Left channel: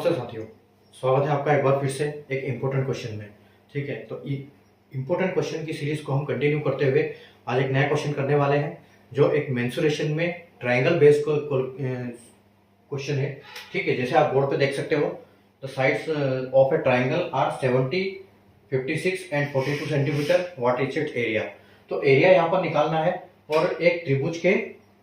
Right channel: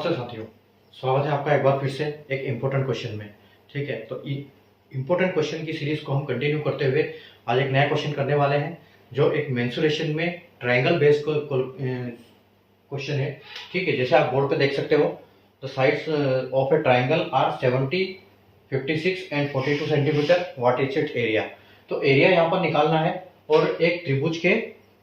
नमस्ते साथियों, स्वागत है आपका एक बार फिर से एक इम्पोर्टेंट क्वेश्चन में। ठीक है, तो इम्पोर्टेंट क्वेश्चन की सीरीज को हम कंटिन्यू करते हुए आज एक नया क्वेश्चन करने वाले हैं, जो एक मेंसुरेशन में ट्रायंगल बेस्ड क्वेश्चन है। ठीक है, जैसे आप बोर्ड पे देख सकते हो, the sides of a triangle are 70, 56 and 42 centimetre. What is its area? तो एरिया यहाँ पर निकालना है और एक त्रिभुज के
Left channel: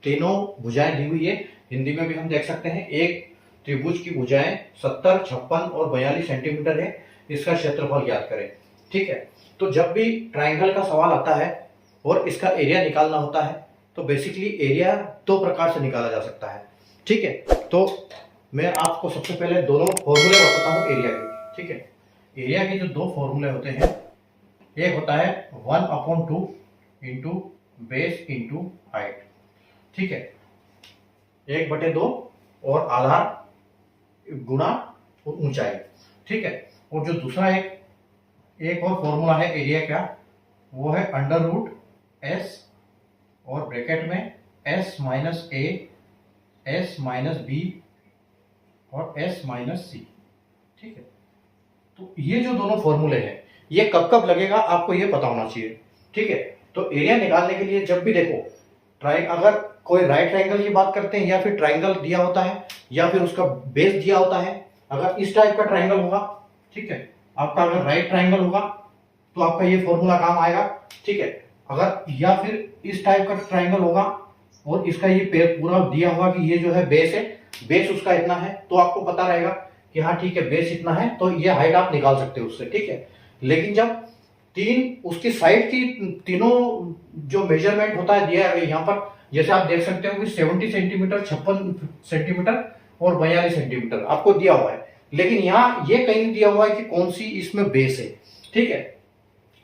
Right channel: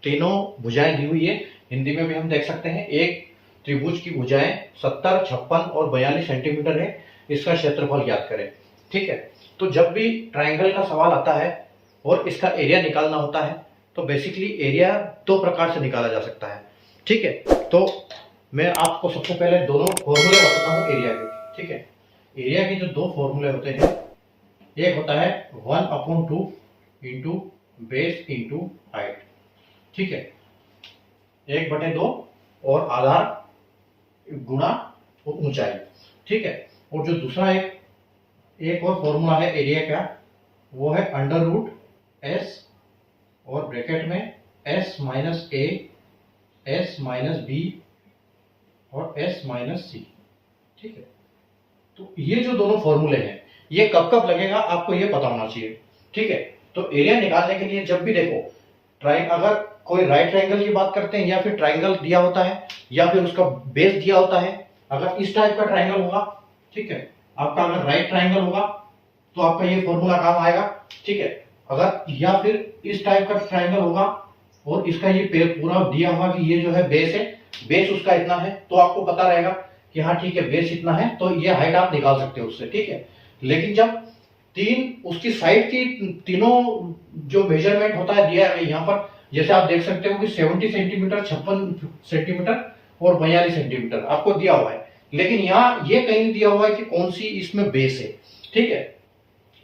तीनों भुजाएं दी हुई है। हिंदी में भी हम देख सकते हैं, एक त्रिभुज की भुजाएं 70, 56 और 42 सेंटीमीटर है। इसका क्षेत्रफल ज्ञात करें। ठीक है, तो जब भी ट्रायंगल का सवाल आता है और इसका एरिया निकालना होता है, तो बेसिकली एरिया दो प्रकार से निकाला जा सकता है। ठीक है, तो मैं आपको सबसे पहले दोनों फॉर्मूले बताता हूँ एरिया के। ठीक है, एरिया के जो दो फॉर्मूले होते हैं, एक होता है 1/2 इंटू बेस इंटू हाइट। ठीक है, 1/2 और आधार गुणा ऊंचाई। ठीक है, और जो दूसरा एक और फॉर्मूला है एरिया का, वो है √s और ब्रैकेट में s minus a, s minus b और s माइनस c। ठीक है, तो ये जो दोनों फॉर्मूले हैं, ये कब कब लगेगा आपको ये पता होना चाहिए। ठीक है, तो एरिया निकालने के लिए जब भी देखो अगर कोई राइट ट्रायंगल की बात करते हैं, या फिर ट्रायंगल दिया होता है, या फिर उसका बेस दिया होता है, अगर इस टाइप का ट्रायंगल होगा, ठीक है, आपका अगर राइट ट्रायंगल होगा तो आपका ये फॉर्मूला काम आएगा। ठीक है, अगर या फिर इस टाइप का ट्रायंगल होगा और इसका ये पूरा दिया होगा कि ये जो है बेस है, बेस उसका इतना है, तो आपको पता रहेगा कि हाँ ठीक है, बेस इतना है, तो ये हाइट आप निकाल सकते हो उससे। ठीक है, लेकिन जब उसकी साइड की तीनों जो मेजरमेंट होता है दिया है यहाँ पर, जैसे आप देख सकते हो कि 70 सेंटीमीटर, 56 सेंटीमीटर और 42 सेंटीमीटर आपको दिया हुआ है, लेकिन यहाँ ये कहीं दिया हुआ है कि कौन सी इसमें बेस है। ठीक है,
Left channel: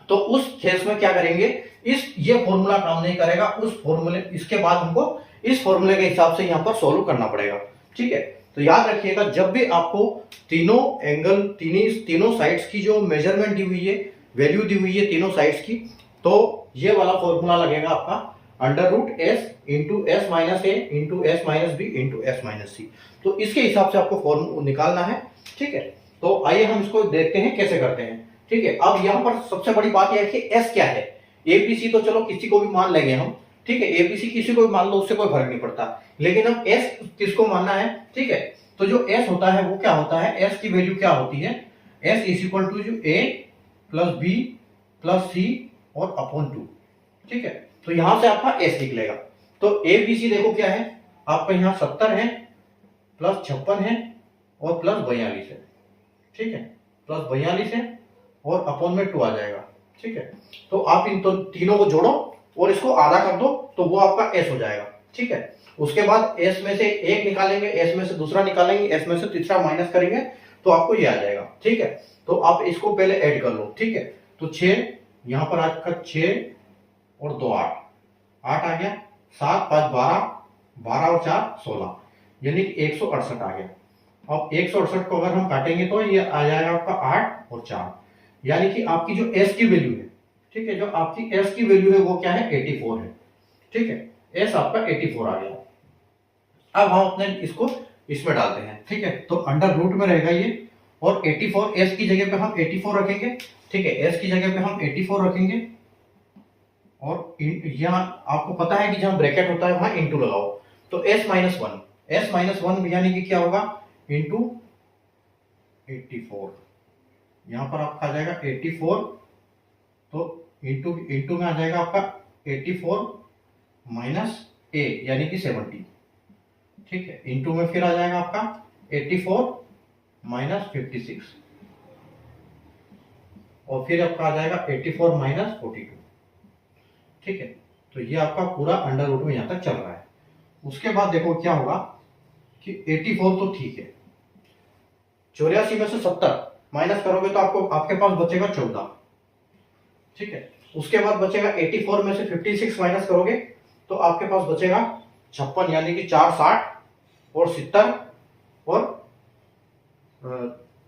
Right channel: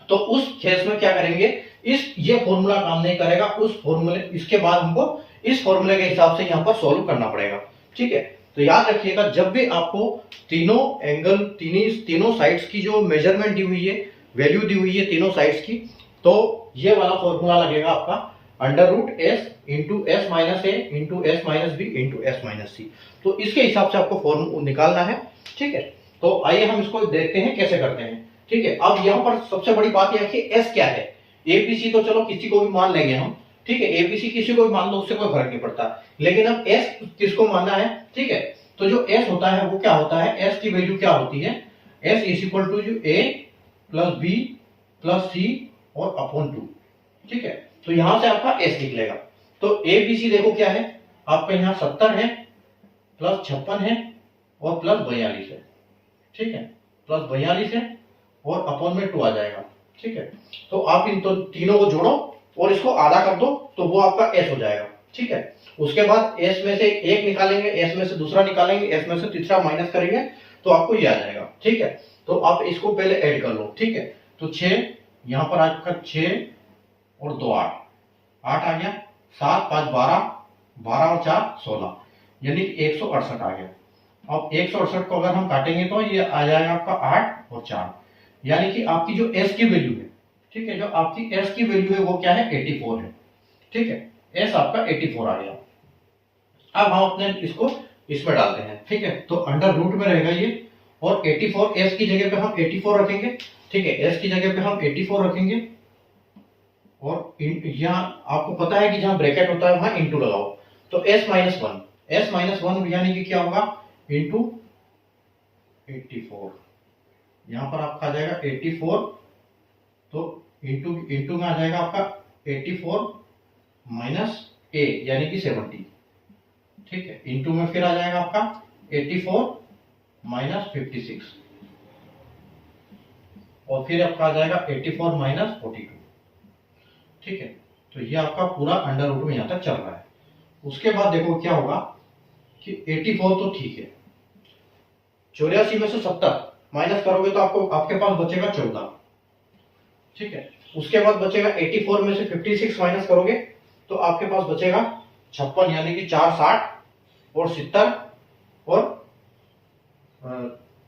तो उस केस में क्या करेंगे, ये फॉर्मूला काम नहीं करेगा, उस फॉर्मूले इसके बाद हमको इस फॉर्मूले के हिसाब से यहाँ पर सोल्व करना पड़ेगा। ठीक है, तो याद रखिएगा, जब भी आपको तीनों एंगल तीनों साइड्स की जो मेजरमेंट दी हुई है, वैल्यू दी हुई है तीनों साइड्स की, तो ये वाला फॉर्मूला लगेगा आपका √s into s minus a into s minus b into s minus c। तो इसके हिसाब से आपको फॉर्मूला निकालना है। ठीक है, तो आइए हम इसको देखते हैं कैसे करते हैं। ठीक है, अब यहाँ पर सबसे बड़ी बात यह है कि s क्या है। abc तो चलो किसी को भी मान लेंगे हम। ठीक है, abc किसी को भी मान लो, उससे कोई फर्क नहीं पड़ता, लेकिन अब s किसको मानना है। ठीक है, तो जो s होता है वो क्या होता है, s की वैल्यू क्या होती है, s इज इक्वल टू जो a plus b plus c और अपॉन 2। ठीक है, तो यहां से आपका s निकलेगा। तो ए बी सी देखो क्या है, आपका यहाँ 70 है, प्लस 56 है और प्लस 42 है। ठीक है, प्लस 42 है और अपॉन में 2 आ जाएगा। ठीक है, तो आप इन तीनों को जोड़ो और इसको आधा कर दो, तो वो आपका s हो जाएगा। ठीक है, उसके बाद s में से एक निकालेंगे, s में से दूसरा निकालेंगे, s में से तीसरा माइनस करेंगे, तो आपको ये आ जाएगा। ठीक है, तो आप इसको पहले ऐड कर लो। ठीक है, तो 6 यहाँ पर आपका 6 और 2 8 आ गया, 7 5 12, 12 और 4 16, यानी कि 168 आ गया। अब 168 को अगर हम काटेंगे तो ये आ जाएगा आपका 8 और 4, यानी कि आपकी जो s की वैल्यू है, ठीक है, जो आपकी s की वैल्यू है वो क्या है, 84 है। ठीक है, s आपका 84 आ गया। अब हम अपने इसको इसमें डालते हैं। ठीक है, तो अंडर रूट में रहेगा ये, और 84 s की जगह पे हम 84 रखेंगे। ठीक है, s की जगह पे हम 84 रखेंगे, और यहाँ आपको पता है कि जहां ब्रैकेट होता है वहां इंटू लगाओ, तो s माइनस वन यानी कि क्या होगा, इंटू 84। यहां पर आपका आ जाएगा 84, तो इंटू में आ जाएगा आपका 84 माइनस a यानी कि 70। ठीक है, इंटू में फिर आ जाएगा आपका 84 माइनस 56, और फिर आपका आ जाएगा 84 माइनस 42। ठीक है, तो ये आपका पूरा अंडर रूट में यहां तक चल रहा है। उसके बाद देखो क्या होगा कि 84 तो ठीक है, 84 में से 70 माइनस करोगे तो आपके पास बचेगा 14। ठीक है, उसके बाद बचेगा 84 में से 56 माइनस करोगे तो आपके पास बचेगा 56, यानी कि 4 60 और 70 और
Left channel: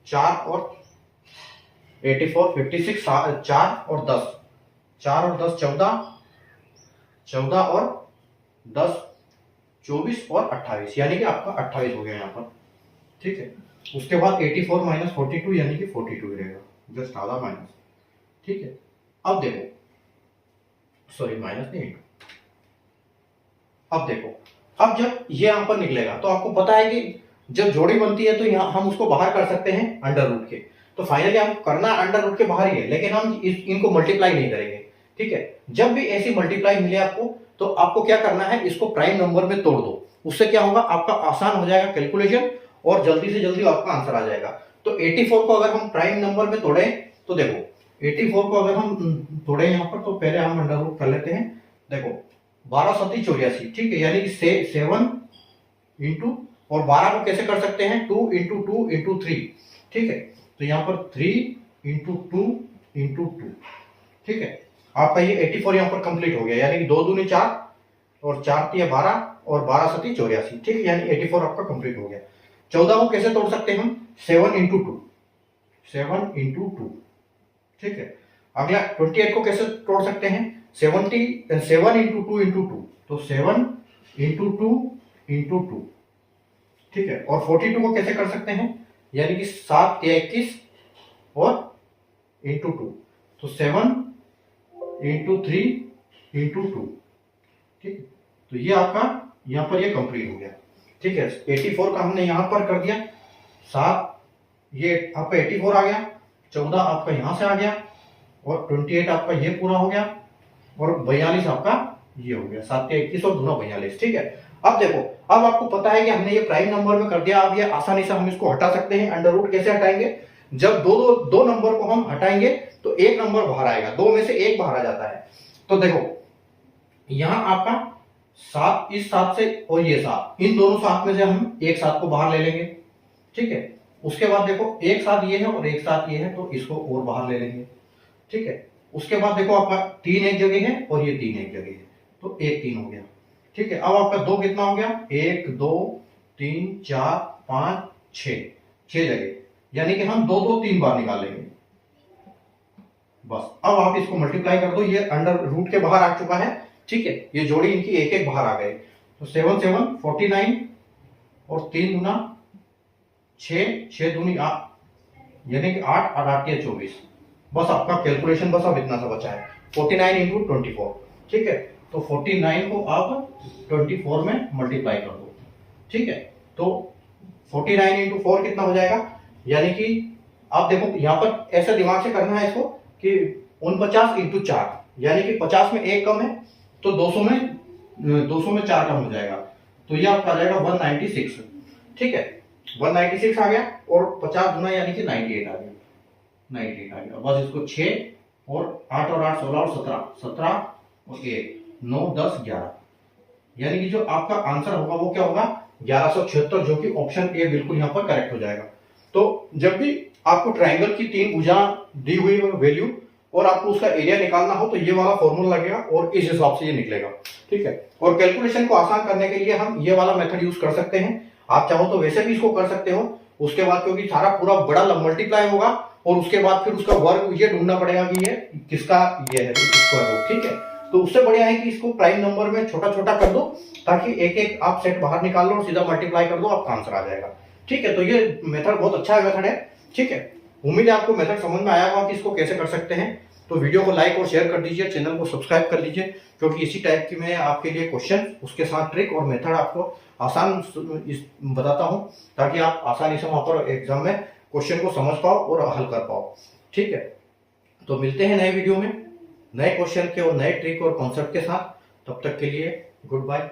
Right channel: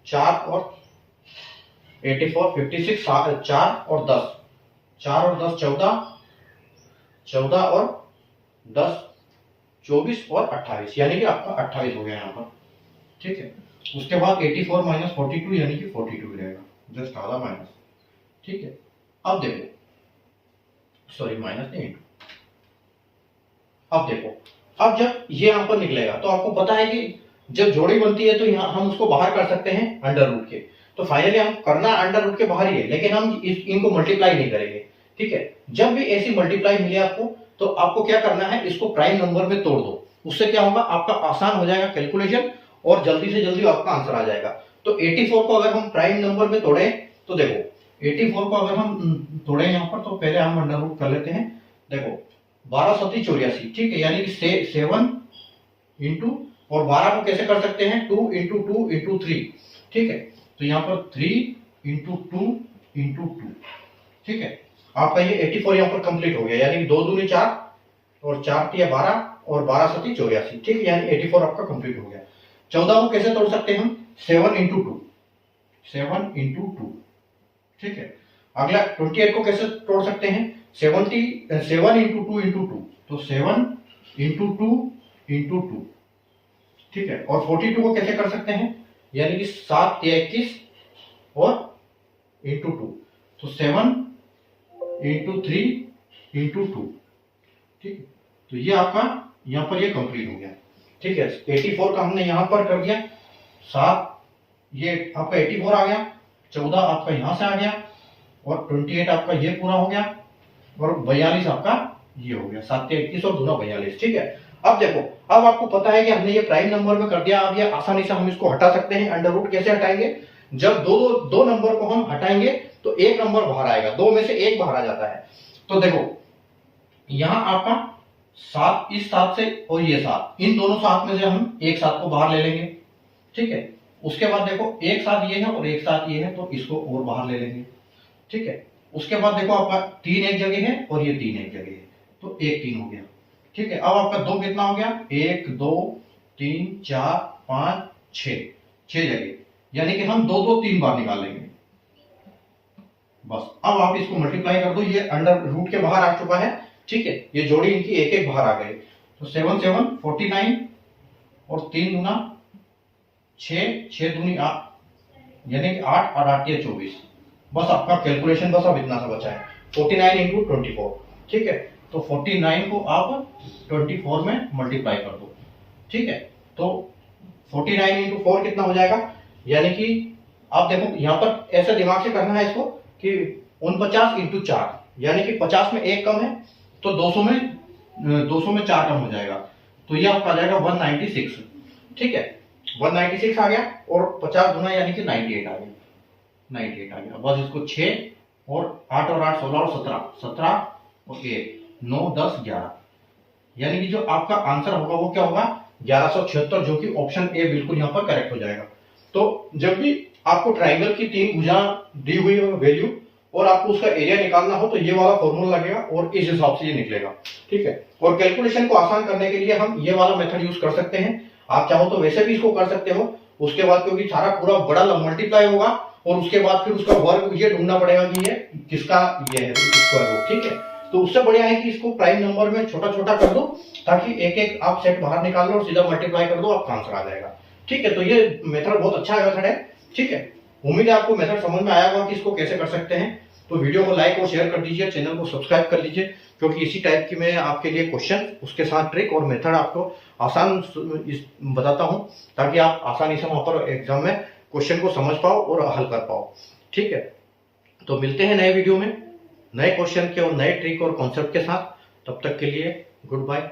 4 और 84 56 4 और 10, 4 और 10 14, 14 और 10 24 और 28, यानी कि आपका 28 हो गया यहाँ पर। ठीक है, उसके बाद 84 माइनस 42 यानी कि 42 ही रहेगा, जस्ट आधा माइनस। ठीक है, अब देखो, सॉरी माइनस नहीं, अब देखो, अब जब ये यहां पर निकलेगा तो आपको पता है कि जब जोड़ी बनती है तो यहाँ हम उसको बाहर कर सकते हैं अंडर रूट के। तो फाइनली हम करना अंडर रूट के बाहर ही है, लेकिन हम इनको मल्टीप्लाई नहीं करेंगे। ठीक है, जब भी ऐसी मल्टीप्लाई मिले आपको तो आपको क्या करना है, इसको प्राइम नंबर में तोड़ दो। उससे क्या होगा, आपका आसान हो जाएगा कैलकुलेशन और जल्दी से जल्दी आपका आंसर आ जाएगा। तो 84 को अगर हम प्राइम नंबर में तोड़े तो देखो 84 को अगर हम तोड़े यहाँ पर, तो पहले हम अंडर रूट कर लेते हैं। देखो 12 सत्ती 84, ठीक है, यानी कि 7 इंटू, और 12 को कैसे कर सकते हैं, 2 इंटू 2 इंटू 3। ठीक है, तो यहाँ पर 3 इंटू 2 इंटू 2। ठीक है, आपका ये 84 यहाँ पर कंप्लीट हो गया, यानी कि 2 दूनी 4 और 4 तिया 12 और 12 सत्ती 84। ठीक है, यानी 84 आपका कंप्लीट हो गया। 14 को कैसे तोड़ सकते हैं हम, 7 इंटू 2, 7 इंटू 2। ठीक है, अगला 28 को कैसे तोड़ सकते हैं, 7 इंटू 2 इंटू 2, तो 7 इंटू 2 इंटू 2। ठीक है, और 42 को कैसे कर सकते हैं, यानी कि 7 या 21 और इंटू 2, तो 7 इंटू 3 इंटू 2। ठीक है, तो ये आपका यहाँ पर ये कंप्लीट हो गया। ठीक है, 84 का हमने यहाँ पर कर दिया, 7 ये आपका 84 आ गया, 14 आपका यहाँ से आ गया, और 28 आपका ये पूरा हो गया, और 42 आपका ये हो गया, 7 या 21 और 2 42। ठीक है, अब देखो, अब आपको पता है कि हमने ये प्राइम नंबर में कर दिया। अब ये आसानी से हम इसको हटा सकते हैं। अंडर रूट कैसे हटाएंगे, जब दो नंबर को हम हटाएंगे तो एक नंबर बाहर आएगा, 2 में से 1 बाहर आ जाता है। तो देखो यहां आपका 7, इस 7 से और ये 7, इन दोनों 7 में से हम एक 7 को बाहर ले लेंगे। ठीक है, उसके बाद देखो एक 7 ये है और एक 7 ये है, तो इसको और बाहर ले लेंगे। ठीक है, उसके बाद देखो आपका 3 एक जगह है और ये 3 एक जगह है, तो 1 3 हो गया। ठीक है, अब आपका 2 कितना हो गया, 1 2 3 4 5 6 जगह, यानी कि हम 2 2 3 बार निकाल लेंगे बस। अब आप इसको मल्टीप्लाई कर दो, ये अंडर रूट के बाहर आ चुका है। ठीक है, ये जोड़ी इनकी एक एक बाहर आ गए, तो 7 7 49 और 3 दूना 6, 6 दूनी 8, यानी कि 8 और 8 या 24। बस आपका कैलकुलेशन बस अब इतना सा बचा है, 49 इंटू 24। ठीक है, तो 49 को आप 24 में मल्टीप्लाई कर दो। ठीक है, तो 49 इंटू 4 कितना हो जाएगा, यानी कि आप देखो यहाँ पर ऐसे दिमाग से करना है इसको कि 49 इंटू 4, यानी कि 50 में 1 कम है, तो 200 में 4 कम हो जाएगा, तो ये आपका आ जाएगा 196। ठीक है, 196 आ गया, और 50 गुना यानी कि 98 आ गया, 98 आ गया। बस इसको 6 और 8 और 8 16 और 17, 17 और 1 9 10 11, यानी कि जो आपका आंसर होगा वो क्या होगा, 1176, जो कि ऑप्शन ए बिल्कुल यहाँ पर करेक्ट हो जाएगा। तो जब भी आपको ट्राइंगल की 3 भुजा दी हुई हो वैल्यू और आपको उसका एरिया निकालना हो, तो ये वाला फॉर्मूला लगेगा और इस हिसाब से ये निकलेगा। ठीक है, और कैलकुलेशन को आसान करने के लिए हम ये वाला मेथड यूज कर सकते हैं। आप चाहो तो वैसे भी इसको कर सकते हो। उसके बाद क्योंकि सारा पूरा बड़ा मल्टीप्लाई होगा, और उसके बाद फिर उसका वर्ग ये ढूंढना पड़ेगा कि ये किसका ये है स्क्वायर रूट। ठीक है, तो उससे बढ़िया है कि इसको प्राइम नंबर में छोटा छोटा कर दो, ताकि एक एक आप सेट बाहर निकाल लो और सीधा मल्टीप्लाई कर दो, आपका आंसर आ जाएगा। ठीक है, तो ये मेथड बहुत अच्छा मेथड है। ठीक है, उम्मीद है आपको मेथड समझ में आया होगा कि इसको कैसे कर सकते हैं। तो वीडियो को लाइक और शेयर कर दीजिए, चैनल को सब्सक्राइब कर लीजिए, क्योंकि इसी टाइप की मैं आपके लिए क्वेश्चन, उसके साथ ट्रिक और मेथड आपको आसान बताता हूं, ताकि आप आसानी से वहां पर एग्जाम में क्वेश्चन को समझ पाओ और हल कर पाओ। ठीक है, तो मिलते हैं नए वीडियो में नए क्वेश्चन के और नए ट्रिक और कॉन्सेप्ट के साथ। तब तक के लिए गुड बाय।